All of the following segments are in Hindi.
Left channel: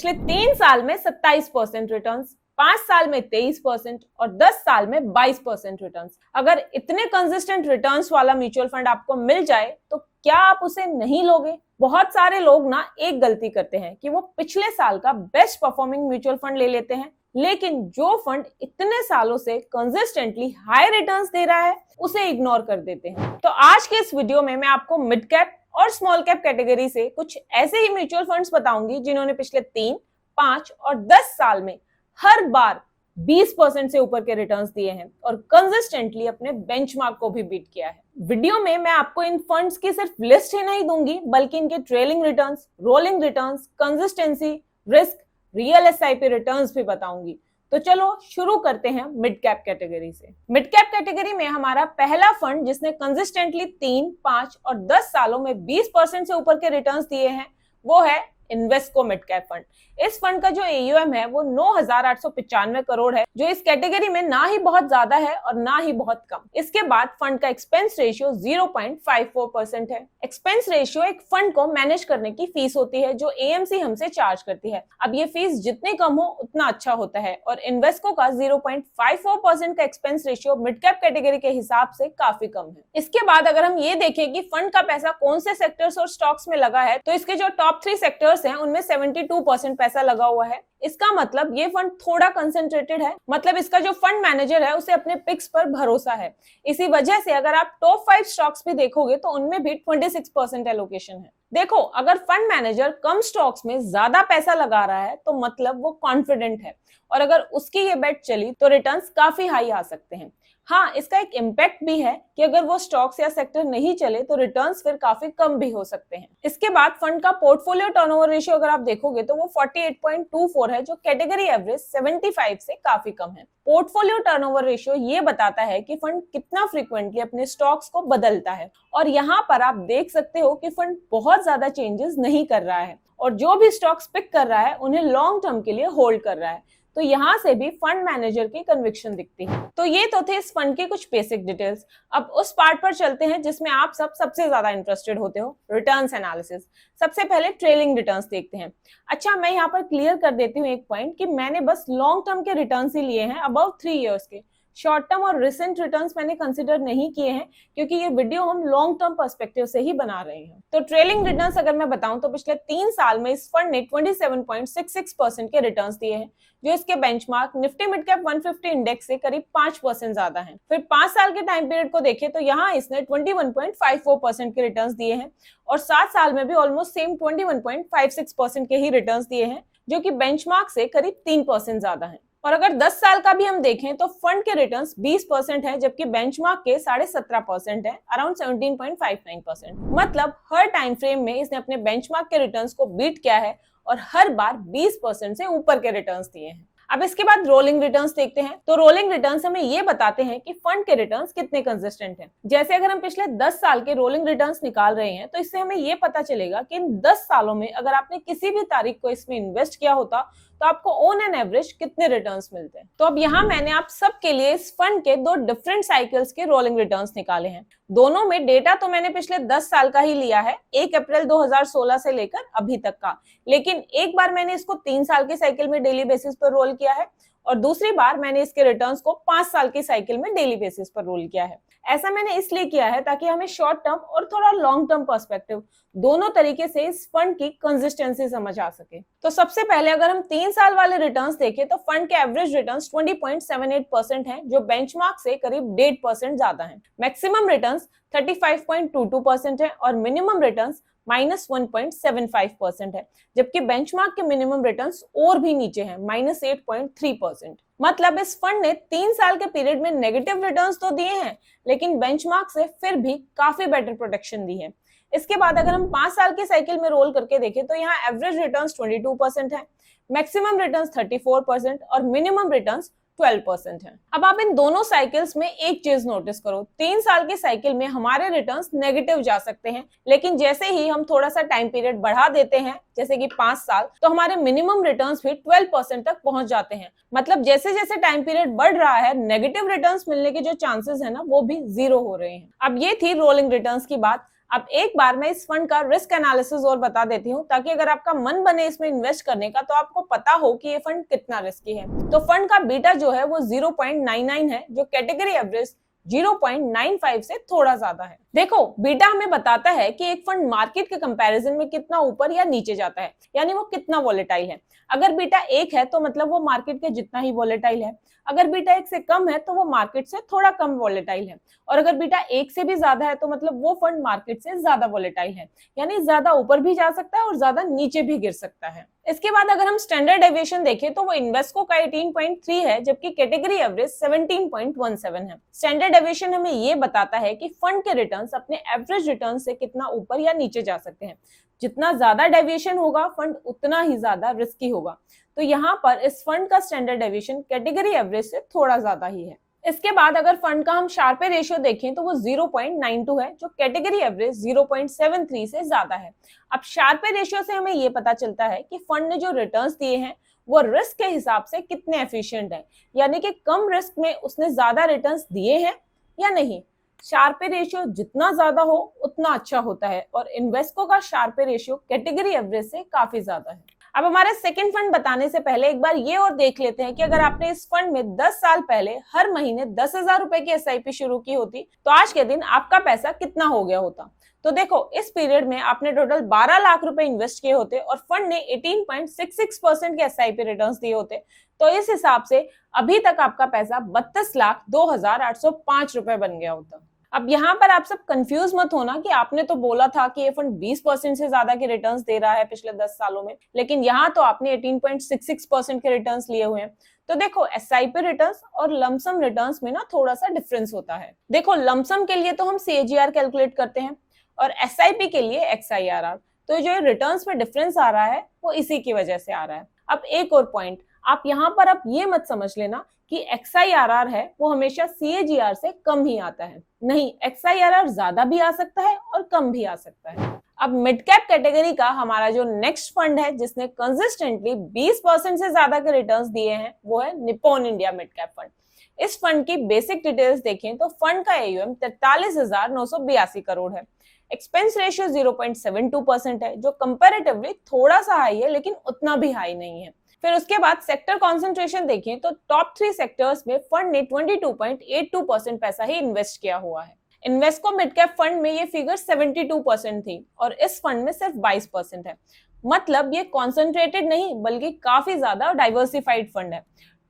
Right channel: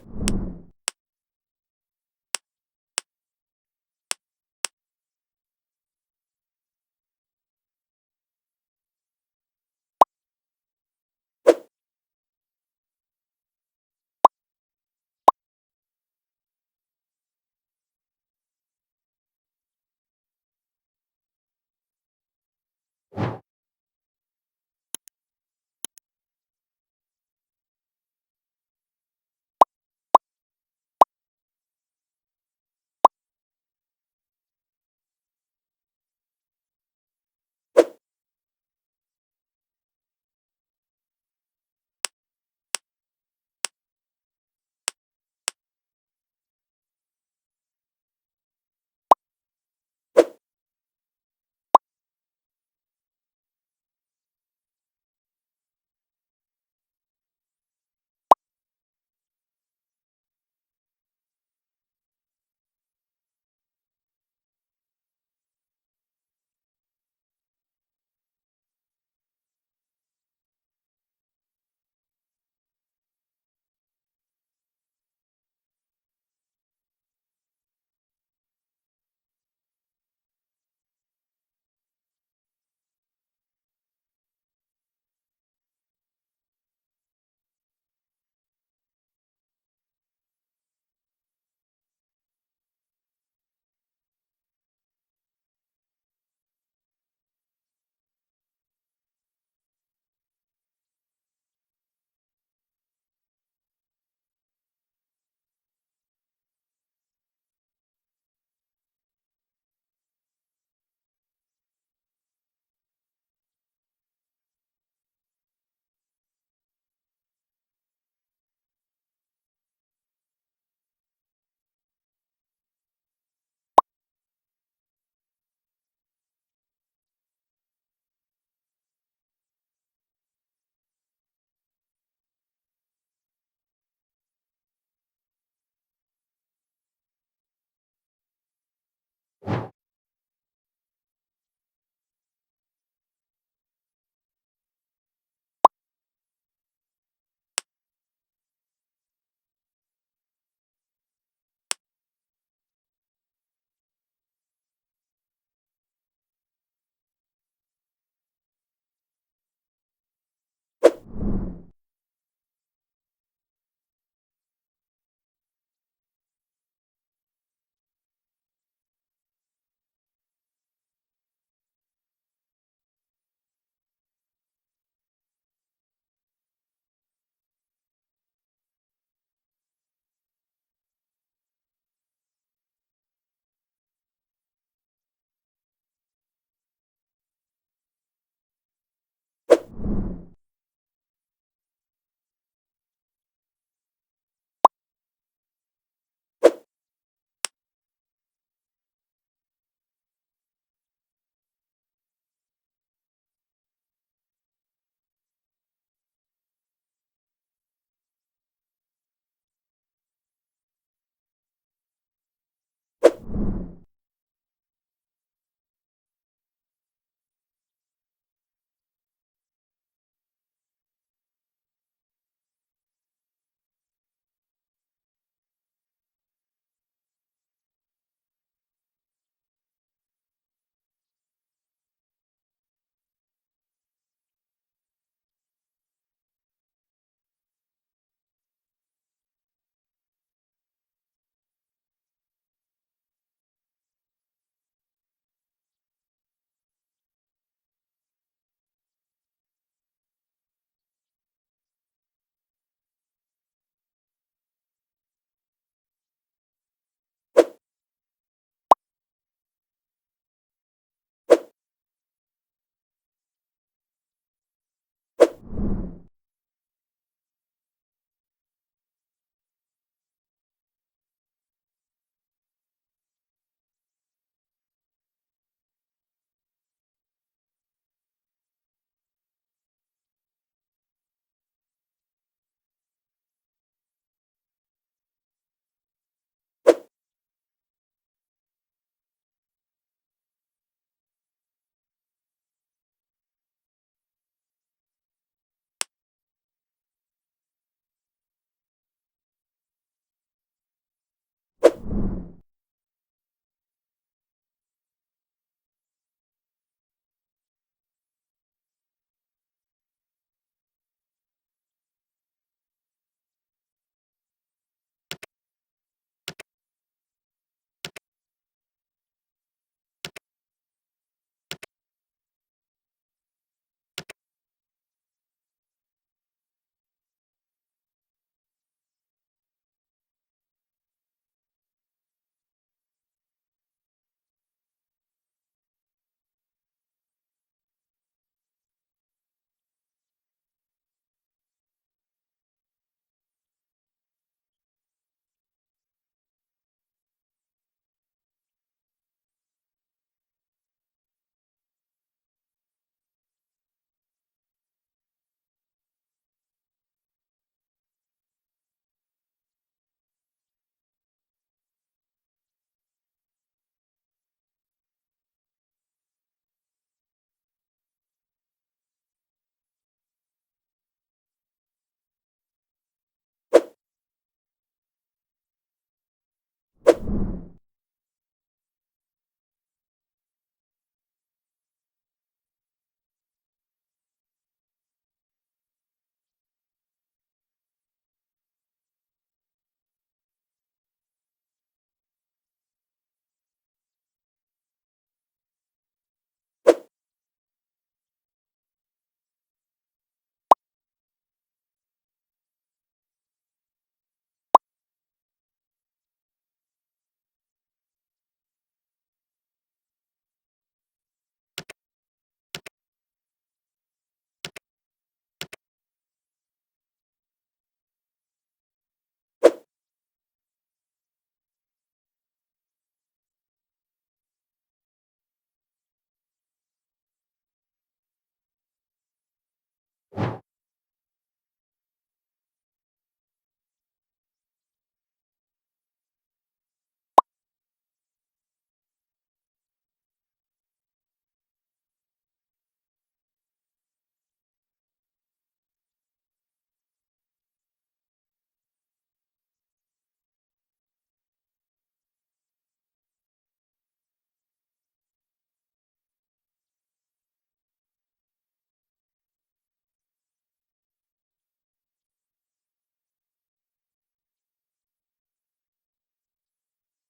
पिछले 3 साल में 27% रिटर्न, 5 साल में 23% और 10 साल में 22% रिटर्न। अगर इतने कंसिस्टेंट रिटर्न्स वाला म्यूचुअल फंड आपको मिल जाए तो क्या आप उसे नहीं लोगे? बहुत सारे लोग ना एक गलती करते हैं कि वो पिछले साल का बेस्ट परफॉर्मिंग म्यूचुअल फंड ले लेते हैं, लेकिन जो फंड इतने सालों से कंसिस्टेंटली हाई रिटर्न्स दे रहा है उसे इग्नोर कर देते हैं। तो आज के इस वीडियो में मैं आपको मिड कैप और स्मॉल कैप कैटेगरी से कुछ ऐसे ही म्यूचुअल फंड्स बताऊंगी जिन्होंने पिछले 3, 5 और 10 साल में हर बार 20% से ऊपर के रिटर्न्स दिए हैं और कंसिस्टेंटली अपने बेंचमार्क को भी बीट किया है। वीडियो में मैं आपको इन फंड्स की सिर्फ लिस्ट ही नहीं दूंगी, बल्कि इनके trailing returns, rolling returns, consistency, risk, real SIP returns भी बताऊंगी। तो चलो शुरू करते हैं मिड कैप कैटेगरी से। मिड कैप कैटेगरी में हमारा पहला फंड जिसने कंसिस्टेंटली 3, 5 और 10 सालों में 20% से ऊपर के रिटर्न्स दिए हैं वो है इन्वेस्को मिड कैप फंड। इस फंड का जो एयूएम है वो 9,895 करोड़ है, जो इस कैटेगरी में ना ही बहुत ज्यादा है और ना ही बहुत कम। इसके बाद फंड का एक्सपेंस रेशियो 0.54% है। एक्सपेंस रेशियो एक फंड को मैनेज करने की फीस होती है जो एएमसी हमसे चार्ज करती है। अब ये फीस जितनी कम हो उतना अच्छा होता है और इन्वेस्को का 0.54% का expense ratio mid cap category के हिसाब से काफी कम है। इसके बाद अगर हम ये देखें कि फंड का पैसा कौन से सेक्टर्स और स्टॉक्स में लगा है, तो इसके जो टॉप 3 सेक्टर्स हैं उनमें 72% पैसा लगा हुआ है। इसका मतलब ये फंड थोड़ा कंसंट्रेटेड है, मतलब इसका जो फंड मैनेजर है उसे अपने पिक्स पर भरोसा है। इसी वजह से अगर आप टॉप 5 स्टॉक्स भी देखोगे तो उनमें भी 26% एलोकेशन है। देखो, अगर फंड मैनेजर कम स्टॉक्स में ज्यादा पैसा लगा रहा है तो मतलब वो कॉन्फिडेंट है और अगर उसकी ये बेट चली तो रिटर्न्स काफी हाई आ सकते हैं। हाँ, इसका एक इम्पैक्ट भी है कि अगर वो स्टॉक्स या सेक्टर नहीं चले तो रिटर्न्स फिर काफी कम भी हो सकते हैं। इसके बाद फंड का पोर्टफोलियो टर्नओवर रेशियो अगर आप देखोगे तो वो 48.24 है, जो कैटेगरी एवरेज 75 से काफी कम है। पोर्टफोलियो टर्नओवर रेशियो ये बताता है कि फंड कितना फ्रीक्वेंटली अपने स्टॉक्स को बदलता है और यहाँ पर आप देख सकते हो कि फंड बहुत ज्यादा चेंजेस नहीं कर रहा है और जो भी स्टॉक्स पिक कर रहा है उन्हें लॉन्ग टर्म के लिए होल्ड कर रहा है। तो यहाँ से भी फंड मैनेजर की कन्विक्शन दिखती है। तो ये तो थे इस फंड के कुछ बेसिक डिटेल्स। अब उस पार्ट पर चलते हैं जिसमें आप सबसे ज्यादा इंटरेस्टेड होते हो, रिटर्न्स एनालिसिस। सबसे पहले ट्रेलिंग रिटर्न्स देखते हैं। अच्छा, मैं यहाँ पर क्लियर कर देती हूँ एक पॉइंट कि मैंने बस लॉन्ग टर्म के रिटर्न्स ही लिए हैं, अबव 3 इयर्स के। शॉर्ट टर्म और रिसेंट रिटर्न्स मैंने कंसिडर नहीं किए हैं क्योंकि ये वीडियो हम लॉन्ग टर्म पर्सपेक्टिव से ही बना रहे हैं। तो ट्रेलिंग रिटर्न्स अगर मैं बताऊं तो पिछले 3 साल में इस फंड ने 27.66% के रिटर्न्स दिए हैं, जो इसके benchmark Nifty mid cap 150 index से करीब 5% ज्यादा है। फिर 5 साल के टाइम पीरियड को देखें तो यहाँ इसने 21.54% के रिटर्न्स दिए हैं और 7 साल में भी ऑलमोस्ट सेम 21.56% के ही रिटर्न्स दिए हैं, जो कि बेंचमार्क से करीब 3% ज्यादा है। और अगर 10 साल का भी हम देखें तो फंड के रिटर्न्स 20% है, जबकि बेंचमार्क के 17.5% है, अराउंड 17.59%। मतलब हर टाइम फ्रेम में इसने अपने बेंचमार्क के रिटर्न्स को बीट किया है और हर बार 20% से ऊपर के रिटर्न्स दिए हैं। अब इसके बाद रोलिंग रिटर्न्स देखते हैं। तो रोलिंग रिटर्न्स हमें ये बताते हैं कि फंड के रिटर्न्स कितने कंसिस्टेंट हैं। जैसे अगर हम पिछले 10 साल के रोलिंग रिटर्न्स निकाल रहे हैं तो इससे हमें ये पता चलेगा कि इन 10 सालों में अगर आपने किसी भी तारीख को इसमें इन्वेस्ट किया होता तो आपको ऑन एन एवरेज कितने रिटर्न्स मिलते हैं। तो अब यहाँ मैंने आप सबके लिए इस फंड के 2 डिफरेंट साइकिल्स के रोलिंग रिटर्न्स निकाले हैं। दोनों में डेटा तो मैंने पिछले 10 साल का ही लिया है, 1 अप्रैल 2016 से लेकर अभी तक का, लेकिन एक बार मैंने इसको 3 साल की साइकिल में डेली बेसिस पर रोल किया है और दूसरी बार मैंने इसके रिटर्न्स को 5 साल की साइकिल में डेली बेसिस पर रोल किया है। ऐसा मैंने इसलिए किया है ताकि हमें शॉर्ट टर्म और थोड़ा लॉन्ग टर्म पर्सपेक्टिव दोनों तरीके से इस फंड की कंसिस्टेंसी समझ आ सके। तो सबसे पहले अगर हम 3 साल वाले रिटर्न्स देखें तो फंड के एवरेज रिटर्न्स 20.78% हैं, जो बेंचमार्क से करीब 1.5% ज्यादा हैं। मैक्सिमम रिटर्न्स 35.22% है और मिनिमम रिटर्न्स -1.75% है, जबकि बेंचमार्क के मिनिमम रिटर्न्स और भी नीचे हैं, -8.3%। मतलब इस फंड ने 3 साल के पीरियड में नेगेटिव रिटर्न्स तो दिए हैं, लेकिन बेंचमार्क से फिर भी काफी बेटर प्रोटेक्शन दी है। इसके बाद अगर हम 5 साल की साइकिल में रोल करके देखें तो यहाँ एवरेज रिटर्न्स 22% है, मैक्सिमम रिटर्न्स 34% और मिनिमम रिटर्न्स 12% है। अब आप इन दोनों साइकिल्स में एक चीज नोटिस करो, 3 साल की साइकिल में हमारे रिटर्न्स नेगेटिव जा सकते हैं, लेकिन जैसे ही हम थोड़ा सा टाइम पीरियड बढ़ा देते हैं, जैसे कि 5 साल, तो हमारे मिनिमम रिटर्न्स भी 12% तक पहुंच जाते हैं। मतलब जैसे जैसे टाइम पीरियड बढ़ रहा है, नेगेटिव रिटर्न्स मिलने के जो चांसेस है ना वो भी 0 हो रहे हैं। अब ये थी रोलिंग रिटर्न्स की बात। अब एक बार मैं इस फंड का रिस्क एनालिसिस और बता देती हूँ, ताकि अगर आपका मन बने इसमें इन्वेस्ट करने का तो आपको पता हो कि ये फंड कितना रिस्की है। तो फंड का बीटा जो है वो 0.99 है, जो कैटेगरी एवरेज 0.95 से थोड़ा ज्यादा है। देखो, बीटा हमें बताता है कि एक फंड मार्केट के कंपैरिजन में कितना ऊपर या नीचे जाता है, यानी वो कितना वॉलेटाइल है। अगर बीटा 1 है तो मतलब वो मार्केट के जितना ही वॉलेटाइल है। अगर बीटा 1 से कम है तो वो मार्केट से थोड़ा कम वॉलेटाइल है। और अगर बीटा 1 से भी ज्यादा है तो मतलब वो फंड मार्केट से ज्यादा वॉलेटाइल है, यानी ज्यादा ऊपर भी जा सकता है और ज्यादा नीचे भी गिर सकता है। इसके बाद अगर हम स्टैंडर्ड डेविएशन देखें तो वो इन्वेस्को का 18.3 है, जबकि कैटेगरी एवरेज 17.17 है। स्टैंडर्ड डेविएशन हमें ये बताता है कि फंड के रिटर्न्स अपने एवरेज रिटर्न से कितना ऊपर या नीचे जा सकते हैं। जितना ज्यादा डेविएशन होगा फंड उतना ही ज्यादा रिस्की होगा। तो यहाँ पर इस फंड का स्टैंडर्ड डेविएशन कैटेगरी एवरेज से थोड़ा ज्यादा ही है। इसके बाद अगर फंड का हम शार्पे रेशियो देखें तो वो 0.92 है, जो कैटेगरी एवरेज 0.73 से ज्यादा है। अब शार्पे रेशियो से हमें ये पता चलता है कि फंड ने जो रिटर्न्स दिए हैं वो रिस्क के हिसाब से कितने एफिशिएंट है, यानी कि कम रिस्क में उसने ज्यादा रिटर्न्स दिए हैं या नहीं। शार्पे रेशियो जितना ज्यादा हो उतना अच्छा होता है, और इन्वेस्को का शार्पे रेशियो कैटेगरी एवरेज से काफी ज्यादा है। अब हमारा सेकंड फंड बताने से पहले एक बार ये और देख लेते हैं कि अगर आपने इस फंड में 10 साल पहले हर महीने 10,000 रुपए की एसआईपी शुरू की होती तो आज के दिन आपका पैसा कितना हो गया होता। तो देखो, इस पीरियड में आपने टोटल 12 लाख रुपए इन्वेस्ट किए होते और फंड ने 18.66% के एसआईपी रिटर्न्स दिए होते। तो इस हिसाब से अभी तक आपका पैसा 32,02,805 रुपए बन गया होता। अब यहाँ पर आप सब कंफ्यूज मत होना कि आपने तो बोला था कि ये फंड 20% से ज्यादा के रिटर्न्स दे रहा है पिछले 10 सालों में, लेकिन यहाँ तो आपने 18.66% के रिटर्न्स लिए हुए हैं। तो देखो, एसआईपी रिटर्न्स और लमसम रिटर्न्स में ना थोड़ा सा डिफरेंस होता है। देखो, लमसम के लिए तो हम सीएजीआर कैलकुलेट करते हैं और एसआईपी के लिए एक्सआईआरआर। तो जो रिटर्न्स में डिफरेंस आ रहा है वो इसी की वजह से आ रहा है। अब एक और पॉइंट, आप यहाँ पर आप ये मत समझ लेना कि एक्सआईआरआर है वो हमेशा सीएजीआर से कम ही आता है। नहीं, एक्सआईआरआर ज्यादा भी आ सकता है और कम भी आ सकता है। अब मिड कैप कैटेगरी का हमारा जो नेक्स्ट फंड है जिसने कंसिस्टेंटली 20% से ज्यादा के रिटर्न्स दिए हैं वो है Nippon India mid cap fund. इस फंड की बेसिक डिटेल्स देखें तो फंड का एयूएम 43,982 करोड़ है। एक्सपेंस रेशियो 0.72% है, जो कंपैरेटिवली थोड़ा सा हाई है लेकिन उतना भी हाई नहीं है। फिर उसके बाद सेक्टर कॉन्सेंट्रेशन देखें तो टॉप 3 सेक्टर्स में फंड ने 22.82% पैसा ही इन्वेस्ट किया हुआ है। इन्वेस्को मिड कैप फंड में ये फिगर 72% थी और इस फंड में सिर्फ 22% है। मतलब ये कॉन्सेंट्रेटेड नहीं बल्कि काफी ज्यादा डाइवर्सिफाइड फंड है।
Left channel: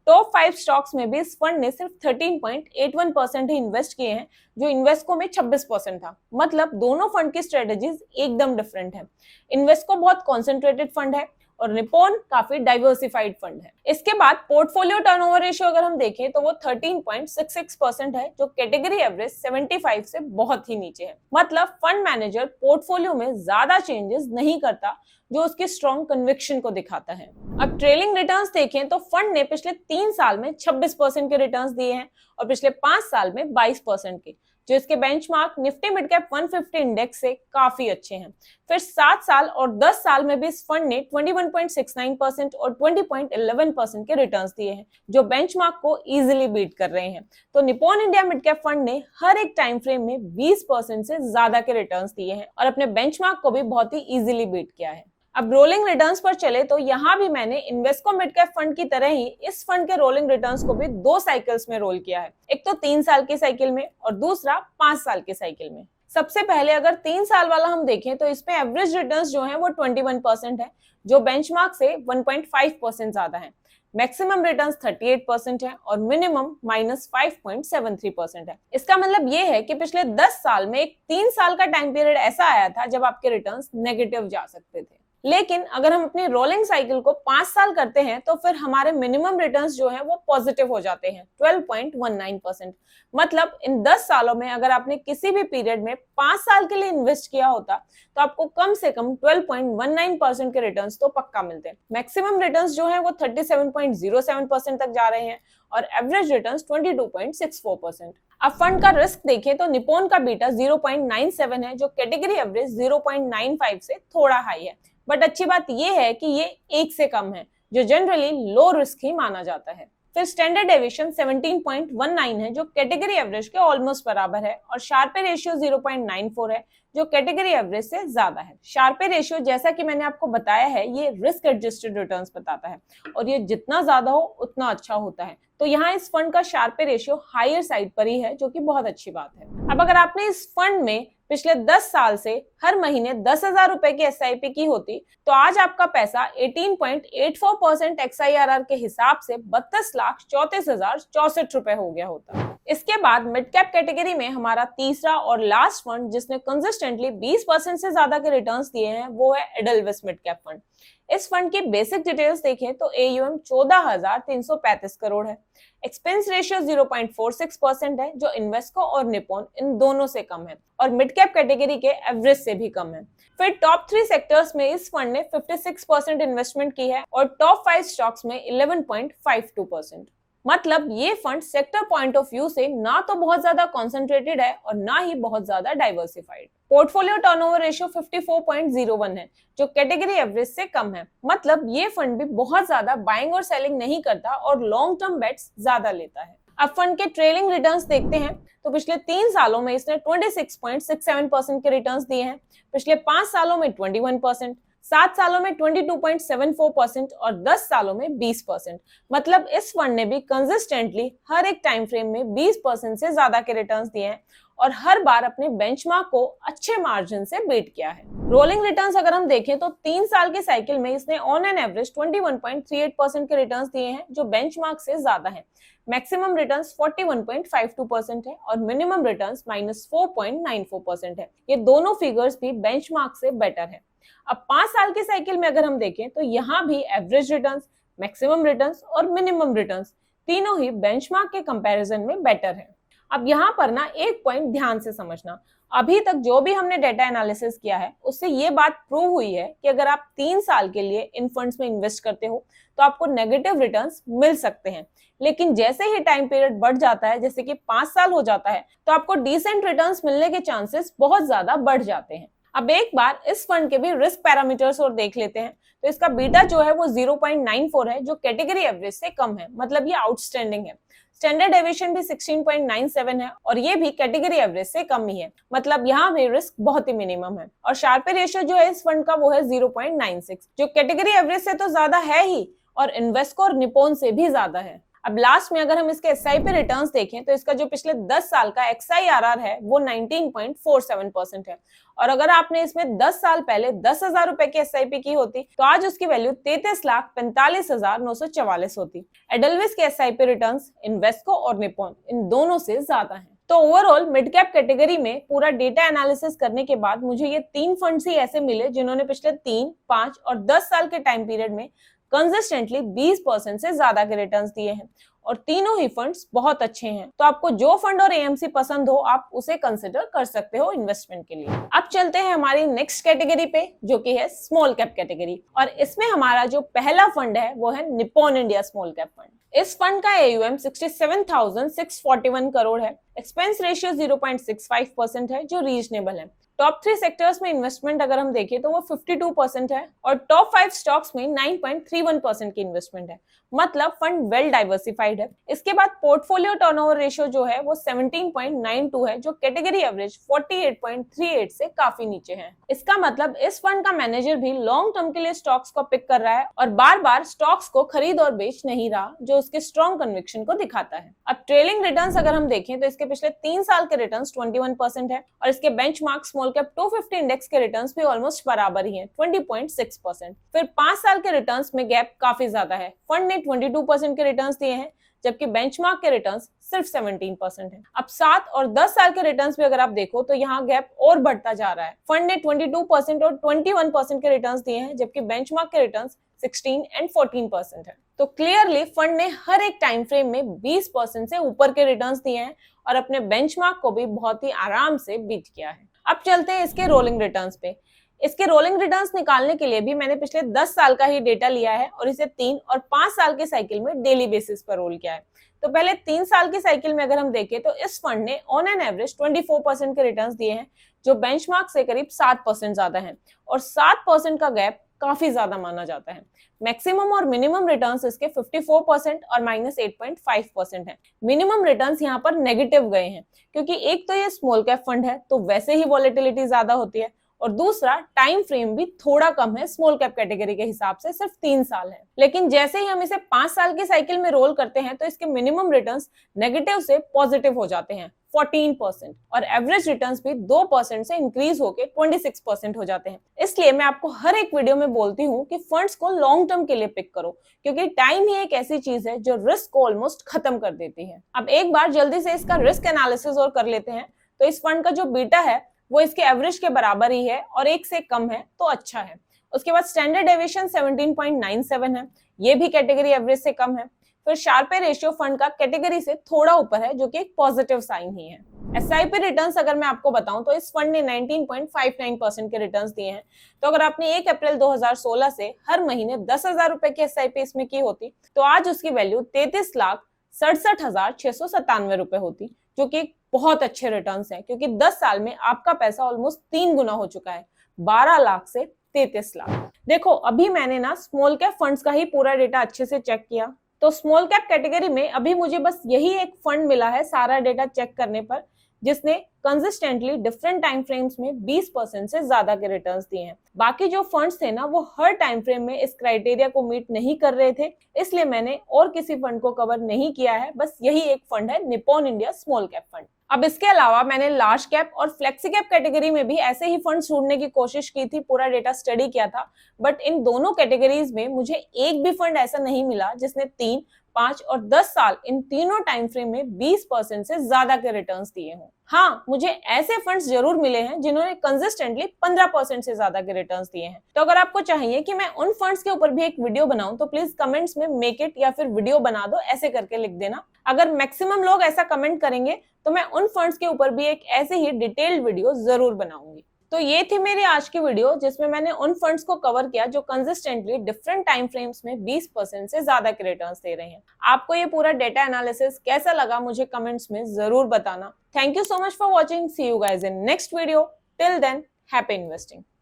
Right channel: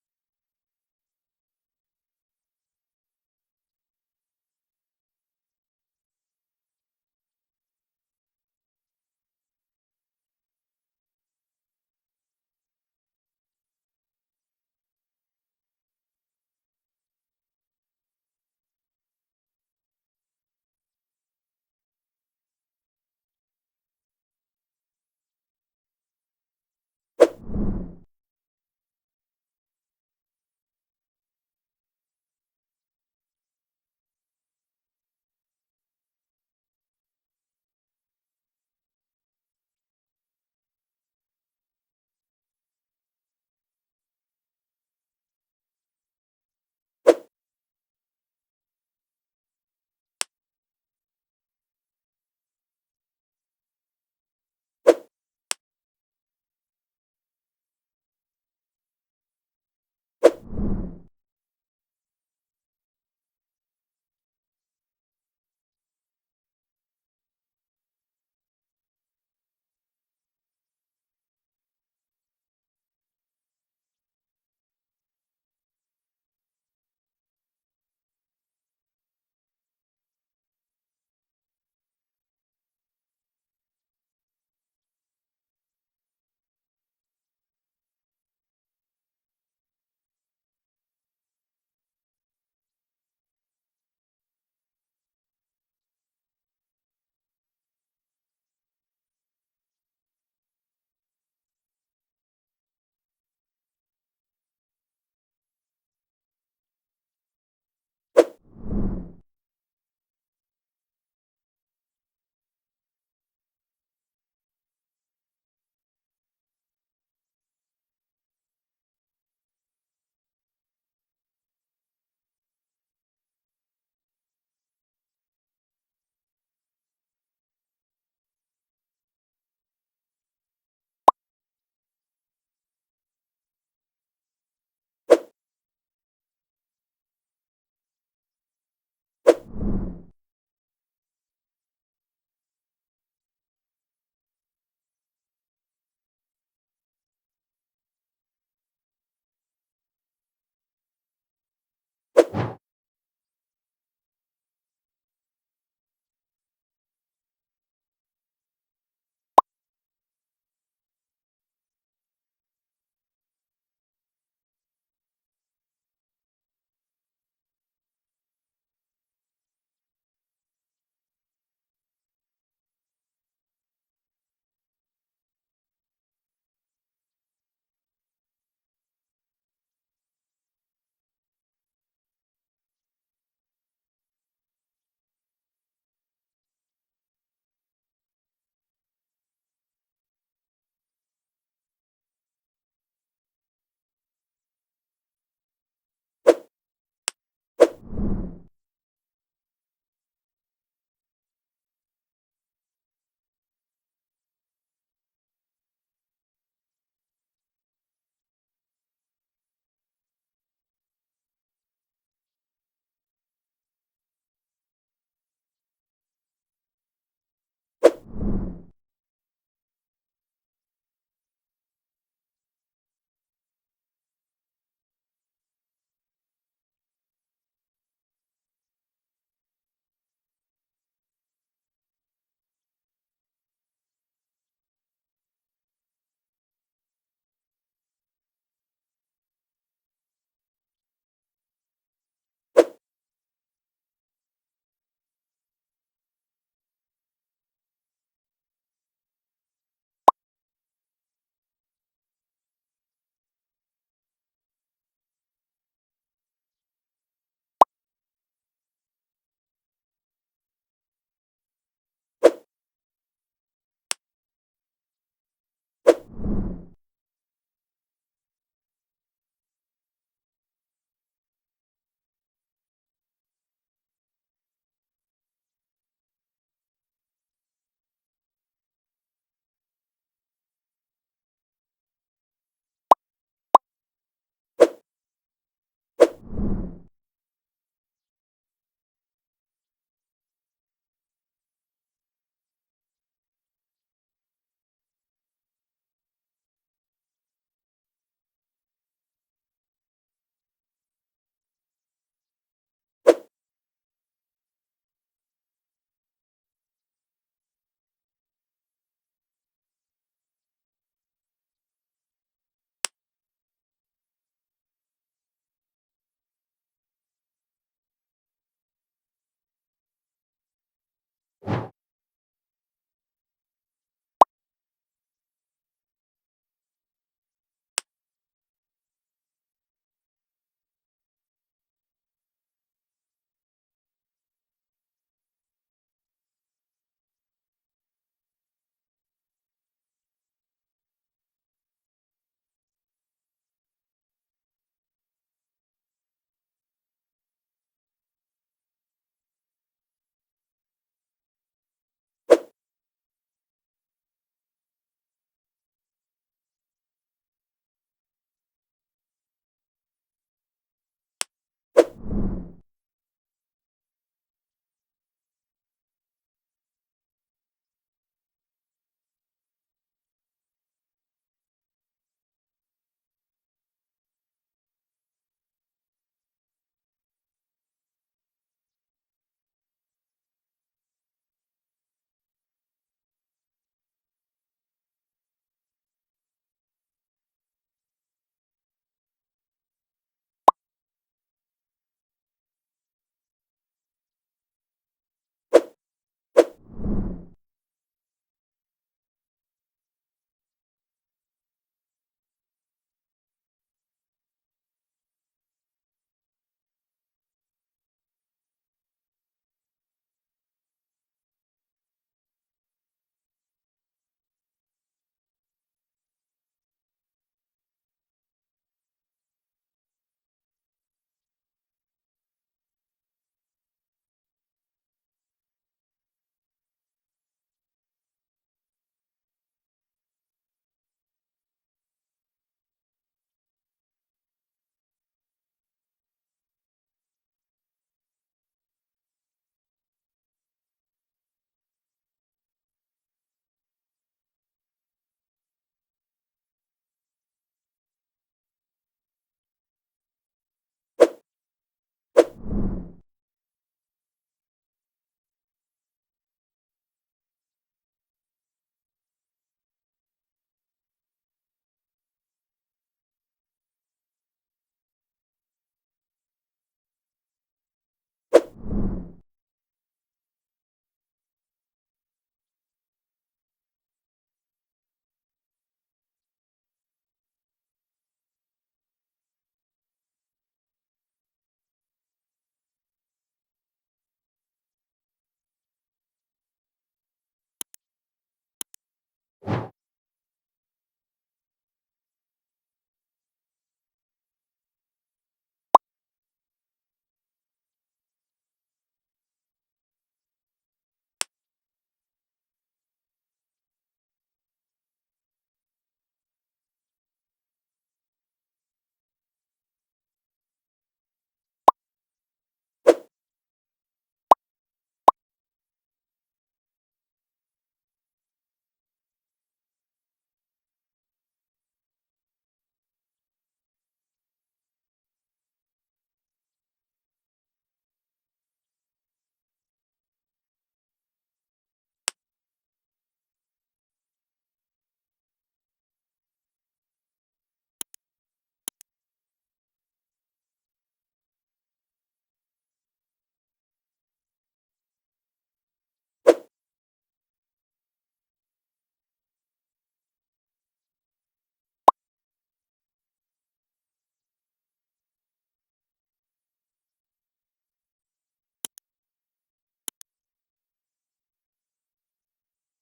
टॉप 5 स्टॉक्स में भी इस फंड ने सिर्फ 13.81% ही इन्वेस्ट किए हैं, जो इन्वेस्को में 26% था। मतलब दोनों फंड की स्ट्रेटेजीज एकदम डिफरेंट है। इन्वेस्को बहुत कॉन्सेंट्रेटेड फंड है और निप्पॉन काफी डाइवर्सिफाइड फंड है। इसके बाद पोर्टफोलियो टर्नओवर रेशियो अगर हम देखें तो वो 13.66% है, जो कैटेगरी एवरेज 75 से बहुत ही नीचे है। मतलब फंड मैनेजर पोर्टफोलियो में ज्यादा चेंजेस नहीं करता, जो उसकी स्ट्रॉन्ग कन्विक्शन को दिखाता है। अब ट्रेलिंग रिटर्न्स देखें तो फंड ने पिछले 3 साल में 26% के रिटर्न्स दिए हैं और पिछले 5 साल में 22% के, जो इसके benchmark Nifty mid cap 150 index से काफी अच्छे हैं। फिर 7 साल और 10 साल में भी इस फंड ने 21.69% और 20.11% के रिटर्न्स दिए हैं, जो बेंचमार्क को इजीली बीट कर रहे हैं। तो Nippon India mid cap fund ने हर एक टाइम फ्रेम में 20% से ज्यादा के रिटर्न्स दिए हैं और अपने बेंचमार्क को भी बहुत ही इजीली बीट किया है। अब रोलिंग रिटर्न्स पर चले तो यहाँ भी मैंने इन्वेस्को मिड कैप फंड की तरह ही इस फंड के रोलिंग रिटर्न्स को भी 2 साइकिल्स में रोल किया है। एक तो 3 साल की साइकिल में और दूसरा 5 साल की साइकिल में। सबसे पहले अगर 3 साल वाला हम देखें तो इसमें एवरेज रिटर्न्स जो है वो 21% है, जो बेंचमार्क से 1.5% ज्यादा है। मैक्सिमम रिटर्न्स 38% है और मिनिमम -5.73% है। इसका मतलब ये है कि पिछले 10 साल में एक 3 साल का टाइम पीरियड ऐसा आया था जब आपके रिटर्न्स नेगेटिव जा सकते थे। लेकिन अगर हम अपनी रोलिंग साइकिल को 5 साल करते हैं तो फिर हमारे मिनिमम रिटर्न्स जो है वो पॉजिटिव हो जाते हैं 12.19%। मतलब इन 10 सालों में अगर आपने किसी भी पीरियड में 5 साल के लिए इन्वेस्ट किया होता तो आपको कम से कम 12.19% के रिटर्न्स तो पक्का मिलते हैं। मैक्सिमम रिटर्न्स जो है वो 37.07% तक जा रहे हैं और एवरेज रिटर्न्स 22.64%। अब फंड का रिस्क देखें तो निप्पॉन का बीटा 0.97 है, जो कैटेगरी एवरेज 0.95 से थोड़ा हाई है। बट अच्छी बात यह है कि ये 1 से कम है, जो जनरली लो रिस्क ही माना जाता है। फिर स्टैंडर्ड डेविएशन 17.19 है, जो कैटेगरी एवरेज के ऑलमोस्ट बराबर है और शार्पे रेशियो 0.94 है, जो कैटेगरी एवरेज से ज्यादा है। शार्पे रेशियो जैसा कि मैंने आपको बताया है ये रिस्क एडजस्टेड रिटर्न्स बताता है और ये जितना ज्यादा हो उतना अच्छा होता है। तो यहाँ इस फंड का शार्पे रेशियो हायर साइड पर ही है, जो कि बहुत अच्छी बात है। अब अगर आपने इस फंड में पिछले 10 साल से हर महीने 10,000 रुपए की एसआईपी की होती तो आज आपका पैसा 18.84% XIRR के हिसाब से 32,34,064 रुपए हो गया होता। इसके बाद मिड कैप कैटेगरी में हमारा तीसरा और लास्ट फंड जिसने कंसिस्टेंटली 20% से ज्यादा के रिटर्न्स दिए हैं वो है एडलविस मिड कैप फंड। इस फंड की बेसिक डिटेल्स देखें तो AUM 14,335 करोड़ है। एक्सपेंस रेशियो 0.46% है जो इन्वेस्को और निप्पॉन इन दोनों से कम है और मिड कैप कैटेगरी के एवरेज से भी कम है। फिर टॉप 3 सेक्टर्स में इस फंड ने 56% इन्वेस्टमेंट की है और टॉप 5 स्टॉक्स में 11.52%। मतलब ये fund sector point of view से ना तो बहुत ज्यादा कॉन्सेंट्रेटेड है और ना ही बहुत ज्यादा डाइवर्सिफाइड। पोर्टफोलियो टर्नओवर रेशियो 54.01 है जो कैटेगरी एवरेज से कम है। मतलब ये फंड भी बहुत ज्यादा बाइंग और सेलिंग नहीं करता और लॉन्ग टर्म बेट्स ज्यादा लेता है। अब फंड के ट्रेलिंग रिटर्न्स देखते हैं तो पिछले 3 सालों में इसने 26.67% के रिटर्न्स दिए हैं, पिछले 5 सालों में 21%, 7 सालों में 22.74% और 10 सालों में 20%। मतलब इस फंड ने भी कंसिस्टेंटली हर एक टाइम फ्रेम में 20% से ज्यादा के रिटर्न्स दिए हैं और हर बार अपने बेंचमार्क को अच्छे मार्जिन से बीट किया है। रोलिंग रिटर्न्स अगर हम देखें तो 3 साल के साइकिल में इसने ऑन एन एवरेज 21.38% के रिटर्न्स दिए हैं जो बेंचमार्क से ज्यादा है। मैक्सिमम रिटर्न्स 41.52% है और मिनिमम रिटर्न्स -4.94% है। ये दोनों फिगर्स भी बेंचमार्क से बेटर है। अब 5 साल के साइकिल में अगर हम देखें तो यहाँ भी एवरेज रिटर्न्स, मैक्सिमम रिटर्न्स और मिनिमम रिटर्न्स तीनों ही बेंचमार्क के कंपैरिजन में बेटर है। अब यहाँ पर ना एक पॉइंट ध्यान से समझना, अभी तक जो भी हमने डेटा एनालिसिस किया है उससे ये बात प्रूव हुई है कि अगर आप 3 साल के लिए इन फंड्स में इन्वेस्ट करते हो तो आपको नेगेटिव रिटर्न्स मिल सकते हैं, लेकिन जैसे ही टाइम पीरियड बढ़ जाता है जैसे कि 5 साल हो जाता है तो आपको डिसेंट रिटर्न्स मिलने के चांसेस बहुत ज्यादा बढ़ जाते हैं। अब एक बार इस फंड के भी रिस्क पैरामीटर्स और देख लेते हैं तो इसका बीटा जो है वो 0.94 है जो कैटेगरी एवरेज से कम है। मतलब ये आउटस्टैंडिंग है। स्टैंडर्ड डेविएशन भी 16.97 है और ये भी कैटेगरी एवरेज से कम ही है। मतलब यहाँ भी रिस्क बहुत ही मिनिमम है। और शार्पे रेशियो जो है इस फंड का वो है 0.96 जो कैटेगरी एवरेज से तो ज्यादा है ही और इन्वेस्को और निप्पॉन से भी ज्यादा है। अब लास्ट में अगर हम इसके एसआईपी रिटर्न्स देखें तो इसका जो पिछले 10 साल का XIRR है वो 19.47% है और अगर आपने इसमें 10 साल पहले 10,000 रुपए की एसआईपी की होती तो आज उसकी वैल्यू 33,45,944 होती। एडलविस के एसआईपी रिटर्न्स इन्वेस्को और निप्पॉन इन दोनों से ज्यादा है। तो ओवरऑल मिड कैप कैटेगरी में पूरा डेटा एनालिसिस करने के बाद मुझे ये 3 फंड्स ही ऐसे मिले जिन्होंने पिछले 3, 5 और 10 साल के टाइम पीरियड में कंसिस्टेंटली 20% से ज्यादा के रिटर्न्स दिए हैं और तीनों ही फंड्स बहुत अच्छे हैं। तो आपको जो फंड और एएमसी पसंद हो आप उसे कंसिडर कर सकते हो इन्वेस्टमेंट के लिए। अब चलते हैं हमारी नेक्स्ट कैटेगरी पे जो कि है स्मॉल कैप कैटेगरी और इसमें हमारा जो पहला फंड है वो है Nippon India small cap fund. इस फंड का AUM 67,641 करोड़ है। एक्सपेंस रेशियो 0.65% है जो रीजनेबल है। टॉप 3 सेक्टर्स में इन्वेस्टमेंट अगर हम देखें तो वो 52% है और टॉप 5 स्टॉक्स में 9.31% की इन्वेस्टमेंट है। मतलब फंड वेल डाइवर्सिफाइड है। इसके बाद पोर्टफोलियो टर्नओवर रेशियो जो है वो 17.92 है जो कैटेगरी एवरेज 48.38 से काफी नीचे है। इसका मतलब इस फंड का मैनेजर भी लॉन्ग टर्म के लिए स्टॉक्स को पिक कर रहा है और बार बार स्टॉक्स को खरीद और बेच नहीं रहा जो उसके स्ट्रॉन्ग कन्विक्शन को दिखाता है। अब ट्रेलिंग रिटर्न्स अगर हम देखें तो इसके पिछले 3 साल के रिटर्न्स 21% है और इसके बेंचमार्क स्मॉल कैप 250 इंडेक्स के रिटर्न्स भी ऑलमोस्ट बराबर ही हैं 20.6%। फिर 5 साल के रिटर्न्स में गैप काफी ज्यादा है। फंड ने 22% के रिटर्न्स दिए हैं जबकि बेंचमार्क के रिटर्न्स सिर्फ 17% है। अब 7 और 10 साल के रिटर्न्स भी अगर आप देखो तो यहाँ गैप और बढ़ता जा रहा है। फंड ने 22% और 21% के रिटर्न्स दिए हैं जबकि बेंचमार्क के रिटर्न्स 16 एंड 14% है। तो क्लियरली फंड ने हर एक टाइम फ्रेम में 20% से ऊपर के रिटर्न्स दिए हैं और अपने बेंचमार्क को भी बहुत ही आराम से बीट किया है। अब चलते हैं इसके रोलिंग रिटर्न्स पे। इसके रोलिंग रिटर्न्स निकालने के लिए भी मैंने पिछले 10 साल का ही डेटा लिया है और इसे 3 और 5 साल के साइकिल में डेली बेसिस पर रोल किया है। तो पहले 3 साल की साइकिल में अगर हम देखें तो इस फंड ने ऑन एन एवरेज 24% के रिटर्न्स दिए हैं जो बेंचमार्क से करीब 7% ज्यादा है और 7% का गैप काफी ज्यादा माना जाता है। मैक्सिमम और मिनिमम रिटर्न्स इसके 54% और -8.5% है। मिनिमम रिटर्न्स यहाँ पर नेगेटिव गए हैं क्योंकि एक तो ये स्मॉल कैप फंड है तो वैसे ही वॉलेटिलिटी ज्यादा होती है, और दूसरा टाइम फ्रेम भी थोड़ा कम है स्मॉल कैप कैटेगरी के हिसाब से, सिर्फ 3 साल है। लेकिन जैसे ही हम इसे 5 साल की साइकिल में रोल करते हैं तो इसके मिनिमम रिटर्न्स नेगेटिव से पॉजिटिव हो जाते हैं 14%, और एवरेज रिटर्न्स भी 2% से इंक्रीज होकर 26% हो जाते हैं। इसलिए मैं आपको हर एक वीडियो में बोलती हूँ कि फंड्स को लॉन्ग टर्म के लिए पिक करो, क्योंकि टाइम ही एक ऐसी चीज है जो रिस्क को ऑलमोस्ट खत्म कर देती है। अब एक बार जल्दी से इसका रिस्क एनालिसिस और कर लेते हैं। तो इस फंड का जो बीटा है वो इसके एवरेज के बराबर ही है और 1 से कम है तो अच्छा है। उसके बाद स्टैंडर्ड डेविएशन 17.97 है, ये भी कैटेगरी एवरेज से कम है। फिर शार्पे रेशियो फंड का कैटेगरी से थोड़ा ऊपर है, जो कि एक पॉजिटिव साइन ही है। एसआईपी रिटर्न्स अगर मैं आपको बताऊं तो इस फंड ने 19.59% के रिटर्न्स दिए हैं। तो अगर आपने 1 अप्रैल 2016 से हर महीने 10,000 रुपए की एसआईपी इसमें की होती तो आज उसकी वैल्यू 33,67,697 रुपए होती, जो कि बहुत अच्छे रिटर्न्स हैं, क्योंकि 10 साल में आपका पैसा ऑलमोस्ट 3 गुना हो चुका है, 12 लाख से 33 लाख। देखो अभी मैंने ना स्मॉल कैप फंड्स का ही पूरा डेटा अच्छे से चेक किया, तो स्मॉल कैप कैटेगरी में अभी मुझे बस यही एक फंड मिला है सारा डेटा चेक करने पर, जिसने कंसिस्टेंटली डिफरेंट टाइम फ्रेम्स में 20% से ज्यादा के रिटर्न्स दिए हैं। बाकी जो फंड्स थे ना वो हर टाइम फ्रेम में इस क्राइटेरिया को मीट नहीं कर रहे थे, इसलिए मैंने और किसी फंड को कवर नहीं किया है, बस यही एक फंड है Nippon India small cap fund. अब इसके अलावा मैंने लार्ज कैप और फ्लेक्सी कैप कैटेगरी में भी ऐसे ही फंड ढूंढने की कोशिश की थी, पूरा डेटा स्टडी किया था, बट इन दोनों कैटेगरीज में मुझे एक भी फंड ऐसा नहीं मिला जिसने 3, 5 और 10 साल इन तीनों टाइम फ्रेम में 20% से ज्यादा के रिटर्न्स दिए हों। हाँ, मुझे ऐसे फंड्स जरूर मिले हैं जिन्होंने कंसिस्टेंटली 15% से ज्यादा के रिटर्न्स दिए हैं। तो अगर आपको चाहिए कि मैं उन फंड्स के ऊपर भी एक वीडियो बनाऊं तो प्लीज कमेंट्स में मेक इट या फिर वीडियो बना दो ऐसे करके लिख देना। अगर मैक्सिमम लोग ऐसा कमेंट करेंगे तो मैं उन फंड्स के ऊपर भी एक ऐसे ही डिटेल्ड वीडियो जरूर बनाऊंगी। तो ये थी मेरी आज की वीडियो, जिसमें मैंने उन फंड्स को कवर किया जो कंसिस्टेंटली डिफरेंट टाइम फ्रेम्स में 20% से ज्यादा के रिटर्न्स दे रहे हैं। आपको ये पूरा डेटा एनालिसिस कैसा लगा मुझे कमेंट्स में जरूर बताना। Thank you so much for watching. See you guys in next video. Till then, happy investing.